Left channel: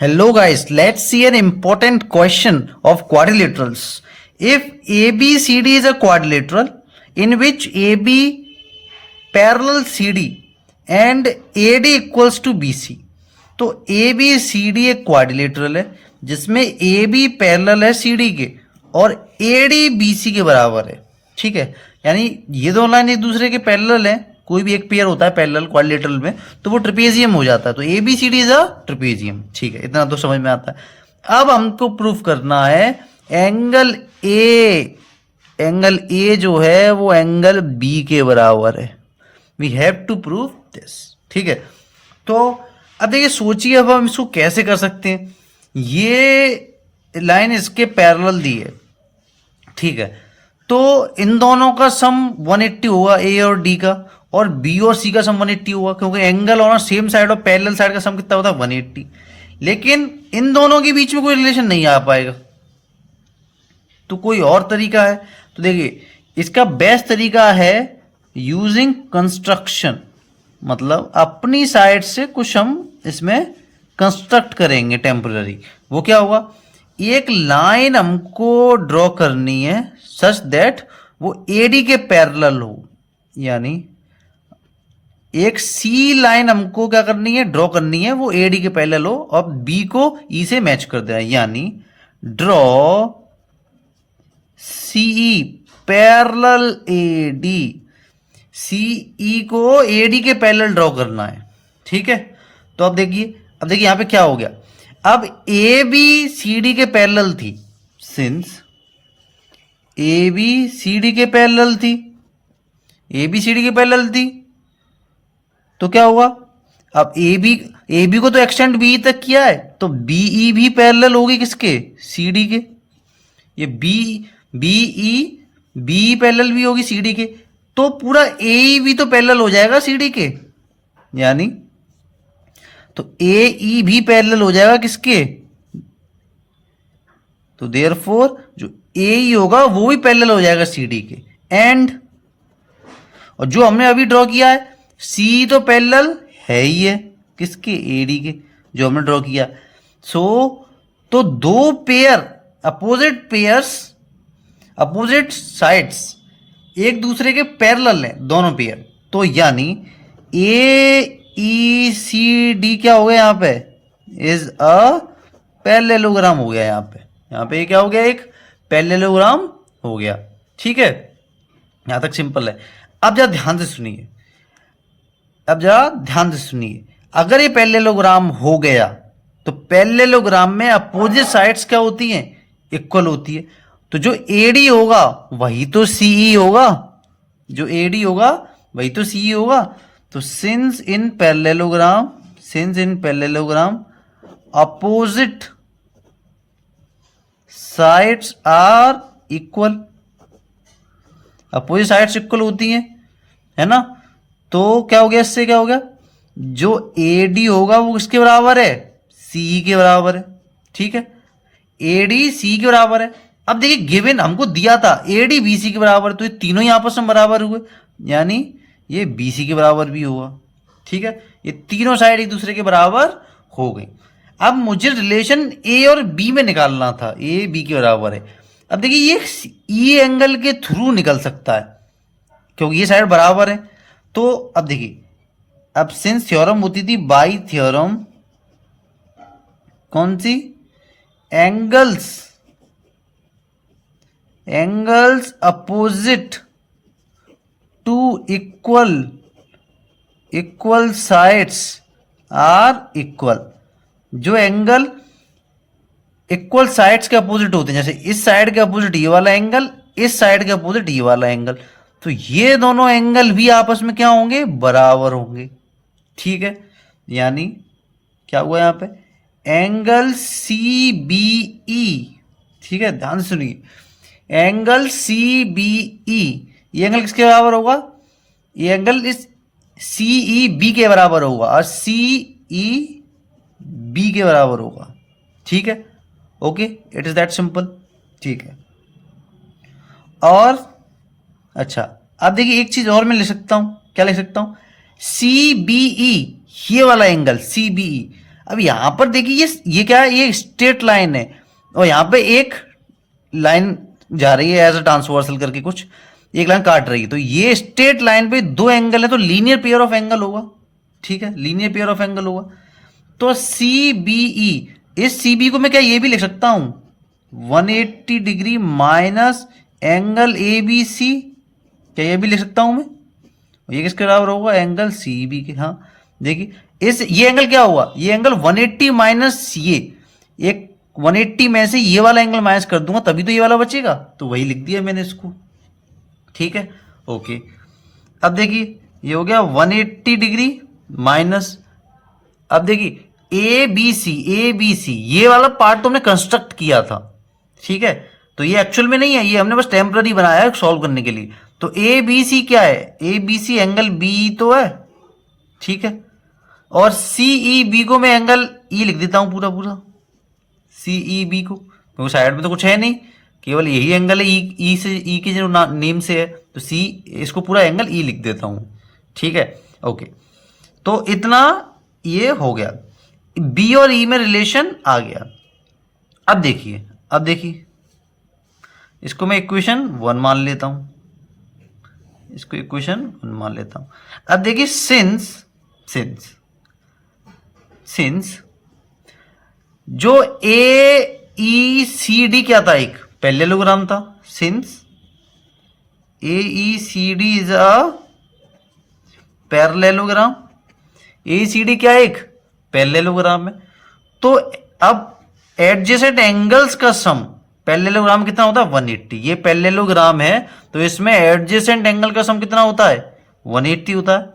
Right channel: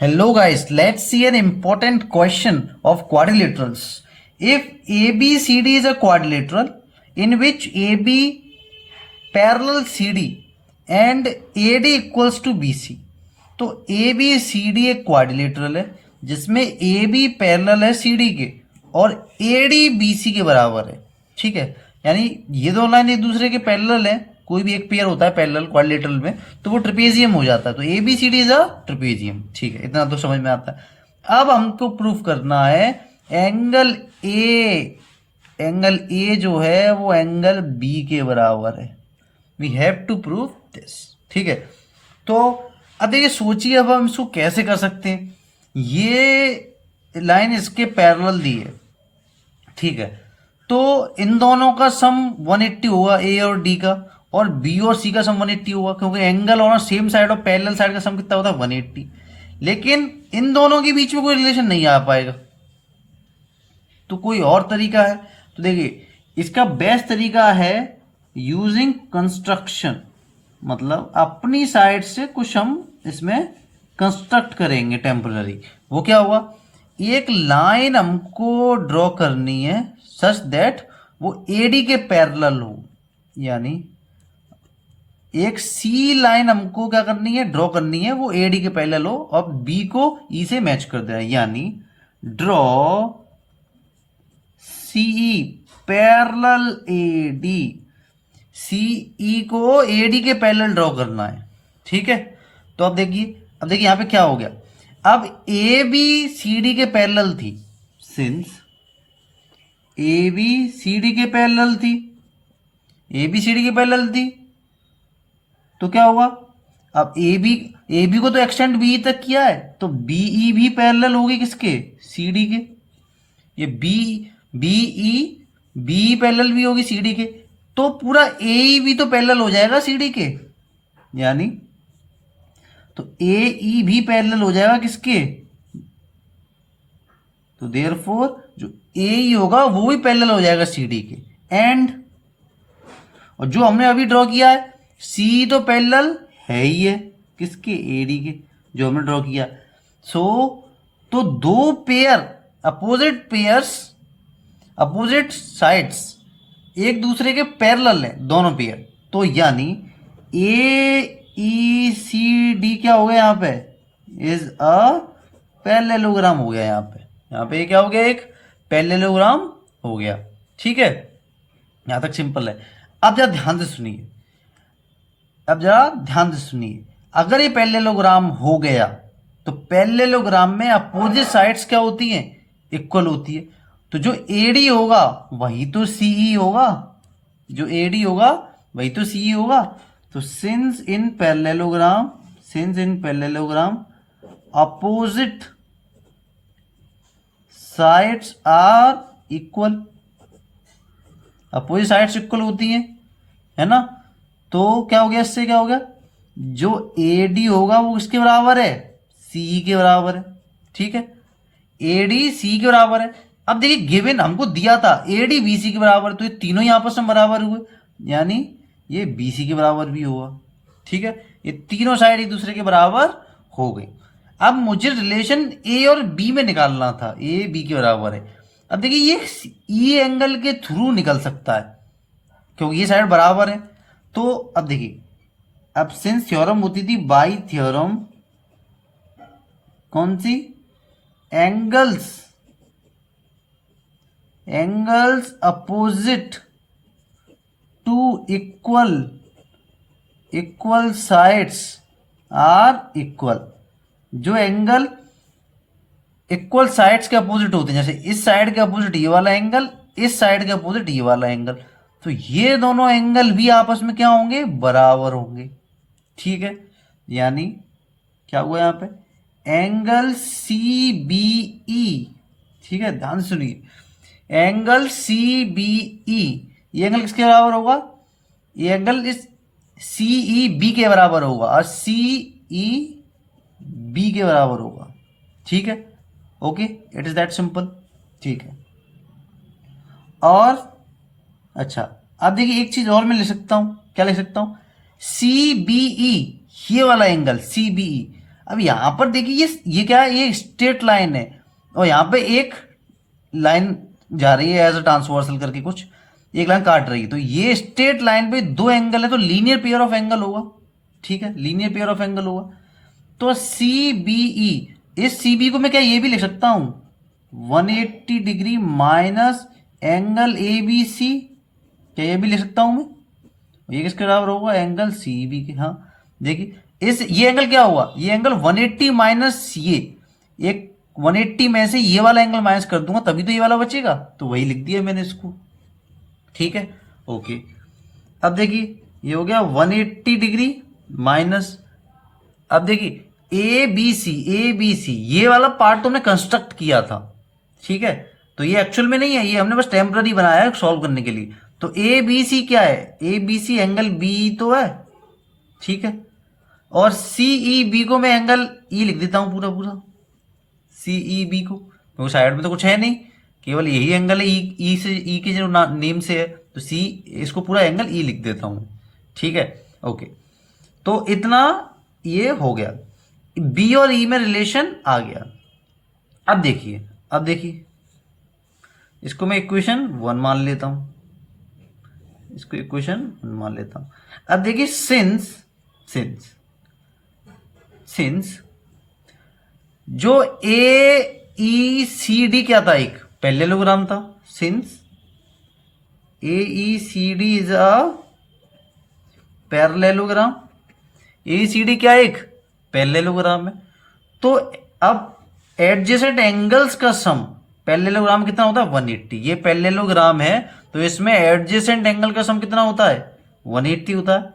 Hello guys, let's see an important question of quadrilaterals. If ABCD is a quadrilateral in which AB parallel CD and AD equals to BC, तो ABCD एक quadrilateral है जिसमें AB parallel है CD के और AD BC के बराबर है। ठीक है, यानी ये दो लाइन एक दूसरे के पैरेलल है। कोई भी एक पेयर होता है पैरेलल क्वाड्रिलेटरल में तो वो ट्रिपेजियम हो जाता है। तो ABCD इज अ ट्रिपेजियम। ठीक है, इतना तो समझ में आता है। अब हमको प्रूफ करना है एंगल ए जो है वो एंगल बी के बराबर है। We have to prove this. ठीक है, तो अब देखिए सोचिए अब हम इसको कैसे कर सकते हैं। ये लाइन इसके पैरेलल दी है। ठीक है, तो इन दोनों का सम 180 होगा, ए और डी का, और बी और सी का सम 180 होगा, क्योंकि एंगल ऑन सेम साइड और पैरेलल साइड का सम कितना होता है 180। लेकिन इन दोनों के बीच में कोई रिलेशन नहीं आ पाएगा, तो कोई और तरीका है। तो देखिए इसका बेस्ट तरीका है यूजिंग कंस्ट्रक्शन, मतलब अपनी साइड से कुछ हम इसमें कंस्ट्रक्ट करेंगे टेम्पररी। वो क्या होगा, एक लाइन हमको ड्रॉ करनी है सच दैट वो एडी के पैरेलल हो, यानी एक सी लाइन हमको क्या करनी है, ड्रॉ करनी है, वो एडी के पैरेलल हो और बी को ई से मैच कर देना, यानी draw CE parallel AD. CE को एडी के पैरेलल ड्रॉ करना है। ठीक है, तो अब देखिए यहां पे क्या हो गया। अब ए बी सी डी के पैरेलल थी, since A B C D के पैरेलल थी, ए बी सी डी के पैरेलल थी, तो क्या हुआ, अब ए बी को तो एक्सटेंड बी तक किया है, तो बी ई भी पैरेलल होगी किसके, सी डी के। ये बी बी पैरेलल भी होगी सी डी के, तो पूरा ए भी तो पैरेलल हो जाएगा सी डी के, यानी तो ए ई भी पैरेलल हो जाएगा किसके, तो देयरफॉर जो ए ई होगा वो भी पैरेलल हो जाएगा सी डी के। एंड और जो हमने अभी ड्रॉ किया है सी तो पैरेलल है ही है किसके, ए डी के, जो हमने ड्रॉ किया। तो दो पेयर अपोजिट साइड्स एक दूसरे के पैरेलल है दोनों पेयर, तो यानी ए ई सी डी क्या हो गया यहाँ पे, इज अ पैरेललोग्राम हो गया। यहाँ पे क्या हो गया, एक पैरेललोग्राम हो गया। ठीक है, यहां तक सिंपल है। अब जरा ध्यान से सुनिए, अगर ये पैरेललोग्राम हो गया तो पैरेललोग्राम में अपोजिट साइड्स क्या होती हैं, इक्वल होती है। तो जो एडी होगा वही तो सीई होगा, जो एडी होगा वही तो सीई होगा। तो since in parallelogram opposite sides are equal, opposite sides equal होती हैं, है ना। तो क्या हो गया, इससे क्या हो गया, जो ए डी होगा वो किसके बराबर है, सी के बराबर है। ठीक है, ए डी सी के बराबर है। अब देखिए गिवन हमको दिया था ए डी बी सी के बराबर, तो ये तीनों ही आपस में बराबर हुए, यानी ये बी सी के बराबर भी हुआ। ठीक है, ये तीनों साइड एक दूसरे के बराबर हो गई। अब मुझे रिलेशन ए और बी में निकालना था, ए बी के बराबर है। अब देखिए ये ई एंगल के थ्रू निकल सकता है क्योंकि ये साइड बराबर है। तो अब देखिए, अब सिंस थ्योरम होती थी बाई थ्योरम, कौन सी, angles opposite to equal sides are equal. जो एंगल इक्वल साइड्स के अपोजिट होते हैं, जैसे इस साइड के अपोजिट ये वाला एंगल, इस साइड के अपोजिट ये वाला एंगल, तो ये दोनों एंगल भी आपस में क्या होंगे, बराबर होंगे। ठीक है, यानी क्या हुआ यहाँ पे, एंगल सी बी ई। ठीक है, ध्यान से सुनिए, एंगल सी बी ई, ये एंगल किसके बराबर होगा, ये एंगल इस सी ई बी के बराबर होगा और सी ई बी के बराबर होगा। ठीक है, okay, it is that simple. ठीक है, और अच्छा अब देखिए एक चीज और मैं लिख सकता हूं, क्या लिख सकता हूं, सी बी ई, ये वाला एंगल सी बी ई अब यहाँ पर देखिए ये क्या है, ये स्ट्रेट लाइन है और यहाँ पे एक लाइन जा रही है एज अ ट्रांसवर्सल करके, कुछ एक लाइन काट रही है, तो ये स्ट्रेट लाइन पे दो एंगल है तो लीनियर पेयर ऑफ एंगल होगा। ठीक है, लीनियर पेयर ऑफ एंगल होगा। तो सी बी ई, इस सी बी को मैं क्या ये भी लिख सकता हूं 180 degree minus angle A B C, क्या ये भी लिख सकता हूं मैं? ये किसके बराबर होगा? एंगल सी बी के। हाँ देखिए इस ये एंगल क्या हुआ, ये एंगल 180 माइनस ये एक 180 में से ये वाला एंगल माइनस कर दूंगा तभी तो ये वाला बचेगा, तो वही लिख दिया मैंने इसको। ठीक है, ओके। अब देखिए ये हो गया 180 डिग्री माइनस, अब देखिए ए बी सी ये वाला पार्ट तो हमने कंस्ट्रक्ट किया था। ठीक है, तो ये एक्चुअल में नहीं है, ये हमने बस टेम्पररी बनाया है सॉल्व करने के लिए। तो ए बी सी क्या है? A B C angle B तो है। ठीक है, और सी ई बी को मैं एंगल ई लिख देता हूं पूरा पूरा, सी ई बी को, क्योंकि साइड में तो कुछ है नहीं, केवल यही एंगल है ई से, ई के जो नेम से है, तो सी इसको पूरा एंगल ई लिख देता हूं। ठीक है, ओके। तो इतना ये हो गया, बी और ई में रिलेशन आ गया। अब देखिए इसको मैं इक्वेशन 1 मान लेता हूं, इसको इक्वेशन 1 मान लेता हूं। अब देखिए सिंस जो ए ई सी डी क्या था, एक पैरेललोग्राम था। Since A E C D is a parallelogram, A C D क्या है? एक पैरेललोग्राम है। तो अब एडजेसेंट एंगल्स का सम, पैरेललोग्राम कितना होता है? 180। ये पैरेललोग्राम है तो इसमें एडजेसेंट एंगल का सम कितना होता है? 180 होता है,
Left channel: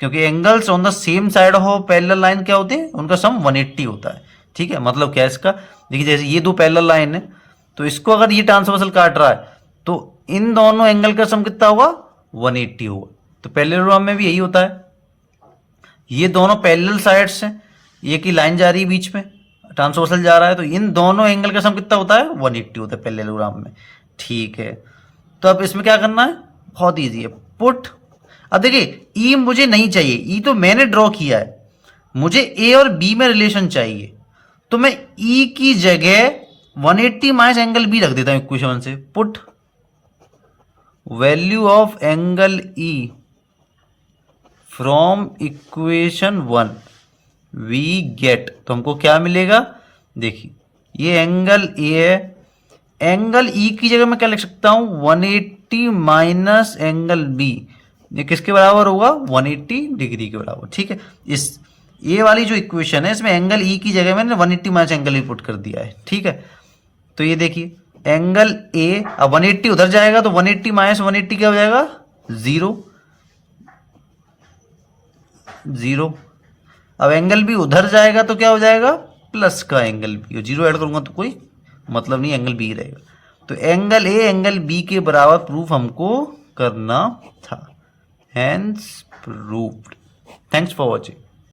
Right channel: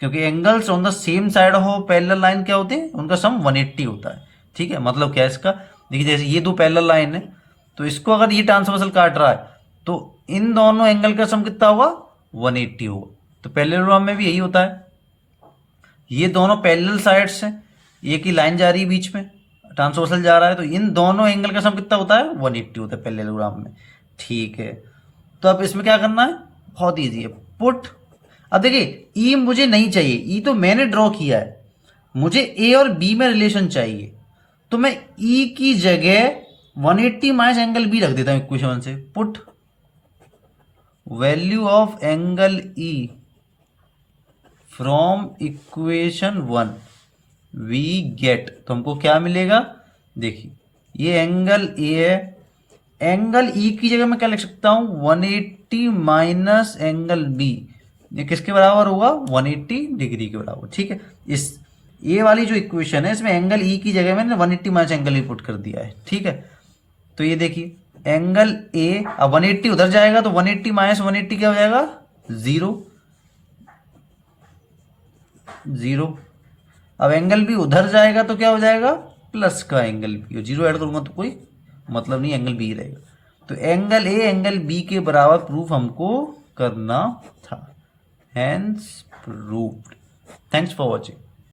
क्योंकि angles on the same side of parallel line क्या होते हैं? उनका सम 180 होता है। ठीक है, मतलब क्या है इसका? देखिए जैसे ये दो पैरेलल लाइन है, तो इसको अगर ये ट्रांसवर्सल काट रहा है तो इन दोनों एंगल का सम कितना होगा? 180 होगा। तो पैरेललोग्राम में भी यही होता है, ये दोनों पैरेलल साइड्स हैं, एक ही लाइन जा रही है बीच में, ट्रांसवर्सल जा रहा है, तो इन दोनों एंगल का सम कितना होता है? 180 होता है पैरेललोग्राम में। ठीक है, तो अब इसमें क्या करना है? बहुत ईजी है, पुट। अब देखिए ई मुझे नहीं चाहिए, ई तो मैंने ड्रॉ किया है, मुझे ए और बी में रिलेशन चाहिए, तो मैं ई की जगह 180 माइनस एंगल बी रख देता हूं इक्वेशन से। Put value of angle E from equation 1 we get, तो हमको क्या मिलेगा? देखिए ये एंगल ए है, एंगल ई की जगह मैं क्या लिख सकता हूं? 180 माइनस एंगल बी, ये किसके बराबर होगा? 180 डिग्री के बराबर। ठीक है, इस ए वाली जो इक्वेशन है इसमें एंगल ई की जगह मैंने 180 माइनस एंगल ई पुट कर दिया है। ठीक है, तो ये देखिए एंगल ए, अब 180 उधर जाएगा तो 180 माइनस 180 क्या हो जाएगा? 0। अब एंगल बी उधर जाएगा तो क्या हो जाएगा? प्लस का एंगल बी, 0 ऐड करूंगा तो कोई मतलब नहीं, एंगल बी रहेगा। तो एंगल ए एंगल बी के बराबर प्रूफ हमको करना था, hence proved. Thanks for watching.